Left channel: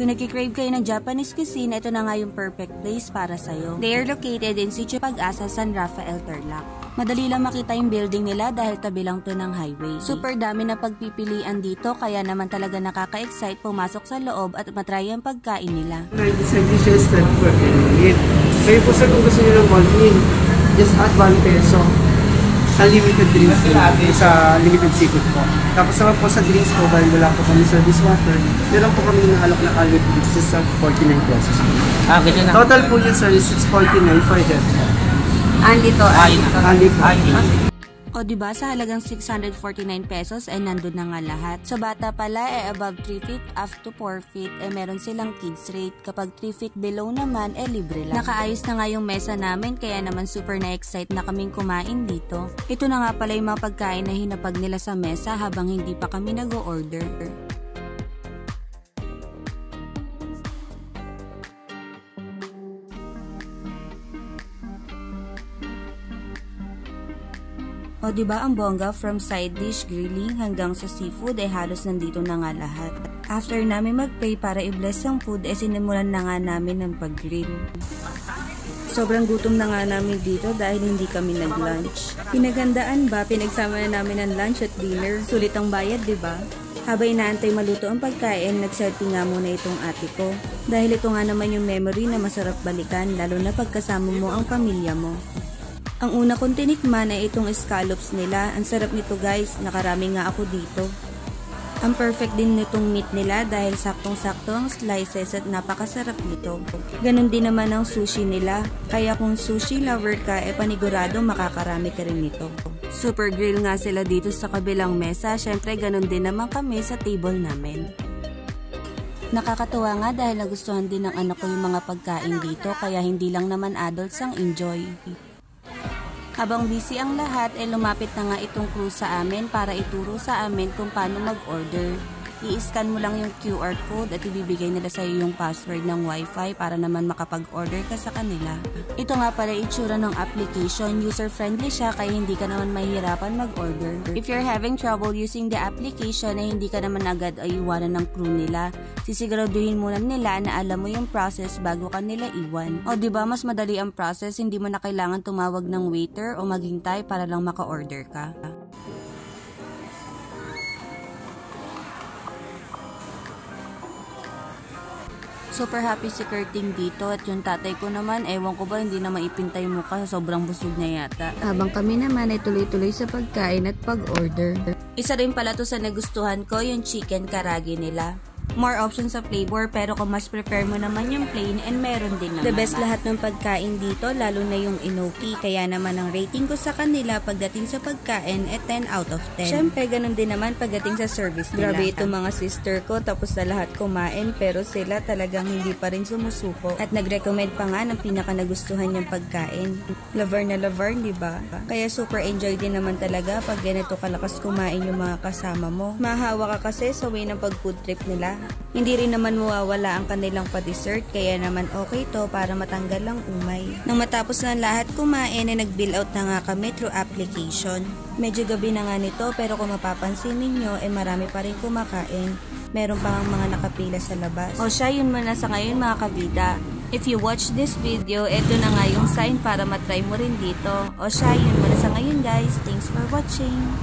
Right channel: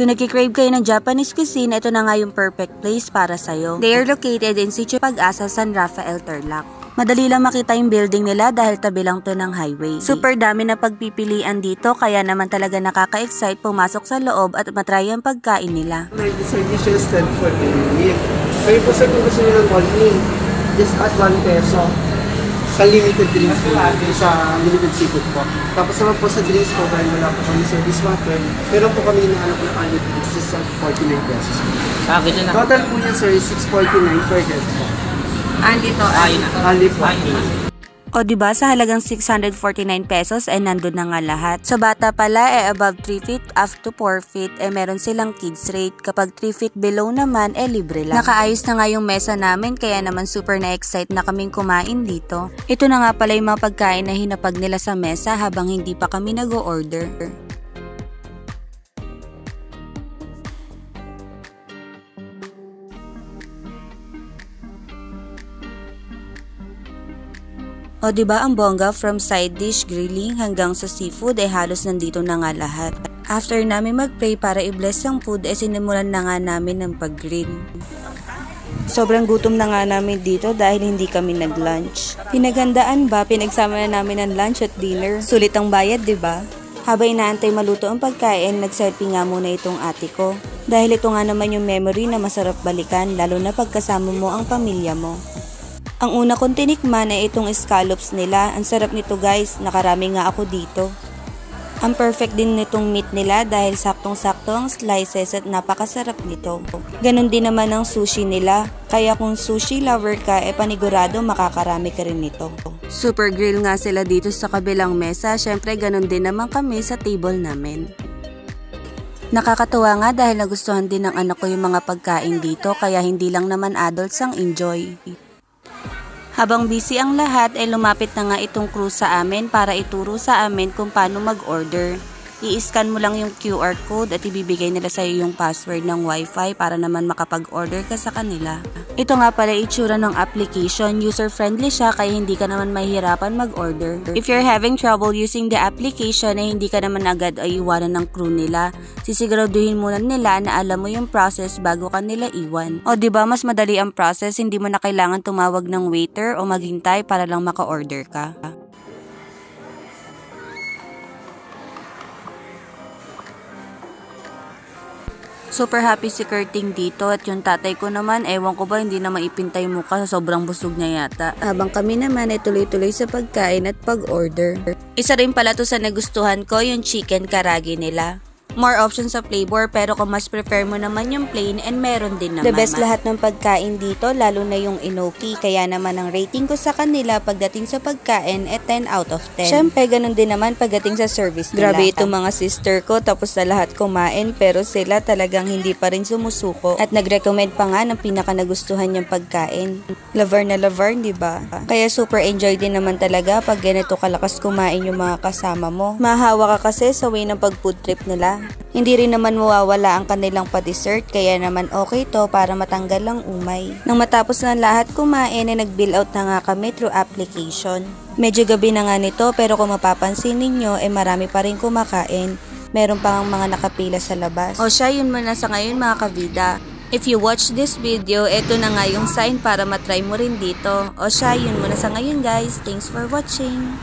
Kung nagkikrave kayo ng Japanese cuisine, ito na nga yung perfect place para sa'yo. They are located in Sitio Pag-asa, San Rafael, Tarlac. Madali lang makita yung building nila dahil tabi lang to ng highway. Super dami na pagpipilian dito kaya naman talaga nakaka-excite pumasok sa loob at matry ang pagkain nila. Additional stand for it. Kayo po sir kung gusto nyo ng cold meal, just add 1 peso sa limited drinks po, sa limited seafood po. Tapos naman po sa drinks po, dahil wala po kami service water, meron po kami ng alak na alcohol drinks sa 49 pesos. Total po dyan sir is 649 per head po. Andito, po. O diba sa halagang 649 pesos nandun na nga lahat. Sa bata pala above 3 feet up to 4 feet meron silang kids rate. Kapag 3 feet below naman libre lang. Nakaayos na nga yung mesa namin kaya naman super na-excite na kaming kumain dito. Ito na nga pala yung mga pagkain na hinapag nila sa mesa habang hindi pa kami nag-o-order. O diba ang bongga from side dish, grilling hanggang sa seafood halos nandito na nga lahat. After namin mag-pray para i-bless ang food sinimulan na nga namin ng pag-grill. Sobrang gutom na nga namin dito dahil hindi kami nag-lunch. Pinaghandaan ba? Pinagsama na namin ang lunch at dinner. Sulit ang bayad, diba? Habang inaantay maluto ang pagkain, nag-selfie nga muna itong ate ko. Dahil ito nga naman yung memory na masarap balikan lalo na pagkasama mo ang pamilya mo. Ang una kong tinikman itong scallops nila. Ang sarap nito guys, nakarami nga ako dito. Ang perfect din nitong meat nila dahil saktong-sakto ang slices at napakasarap nito. Ganon din naman ang sushi nila, kaya kung sushi lover ka panigurado makakarami ka rin nito. Super grill nga sila dito sa kabilang mesa, syempre ganon din naman kami sa table namin. Nakakatuwa nga dahil nagustuhan din ng anak ko yung mga pagkain dito kaya hindi lang naman adults ang enjoy. Habang busy ang lahat lumapit na nga itong crew sa amin para ituro sa amin kung paano mag-order. I-scan mo lang yung QR code at ibibigay nila sa iyo yung password ng Wi-Fi para naman makapag-order ka sa kanila. Ito nga pala itsura ng application, user-friendly siya kaya hindi ka naman mahihirapan mag-order. If you're having trouble using the application hindi ka naman agad iwanan ng crew nila. Sisiguraduhin muna nila na alam mo yung process bago ka nila iwan. O diba mas madali ang process, hindi mo na kailangan tumawag ng waiter o maghintay para lang maka-order ka. Super happy si Kurting dito at yung tatay ko naman, ewan ko ba hindi na maipintay mukha sa sobrang busog niya yata. Habang kami naman tuloy-tuloy sa pagkain at pag-order. Isa rin pala to sa nagustuhan ko yung chicken karage nila. More options sa flavor pero kung mas prefer mo naman yung plain meron din naman. The best lahat ng pagkain dito lalo na yung enoki kaya naman ang rating ko sa kanila pagdating sa pagkain 10 out of 10. Syempre ganun din naman pagdating sa service nila. Grabe itong mga sister ko tapos na lahat kumain pero sila talagang hindi pa rin sumusuko at nag-recommend pa nga ng pinaka nagustuhan niyang pagkain. Lover na lover, di ba? Kaya super enjoy din naman talaga pag ganito kalakas kumain yung mga kasama mo. Mahawa ka kasi sa way ng pag-food trip nila. Hindi rin naman mawawala ang kanilang pa-dessert kaya naman okay to para matanggal ang umay. Nang matapos na lahat kumain nag-bill out na nga kami through application. Medyo gabi na nga nito pero kung mapapansin ninyo marami pa rin kumakain. Meron pang mga nakapila sa labas. O siya yun muna sa ngayon mga kabida. If you watch this video, ito na nga yung sign para matry mo rin dito. O siya yun muna sa ngayon guys. Thanks for watching.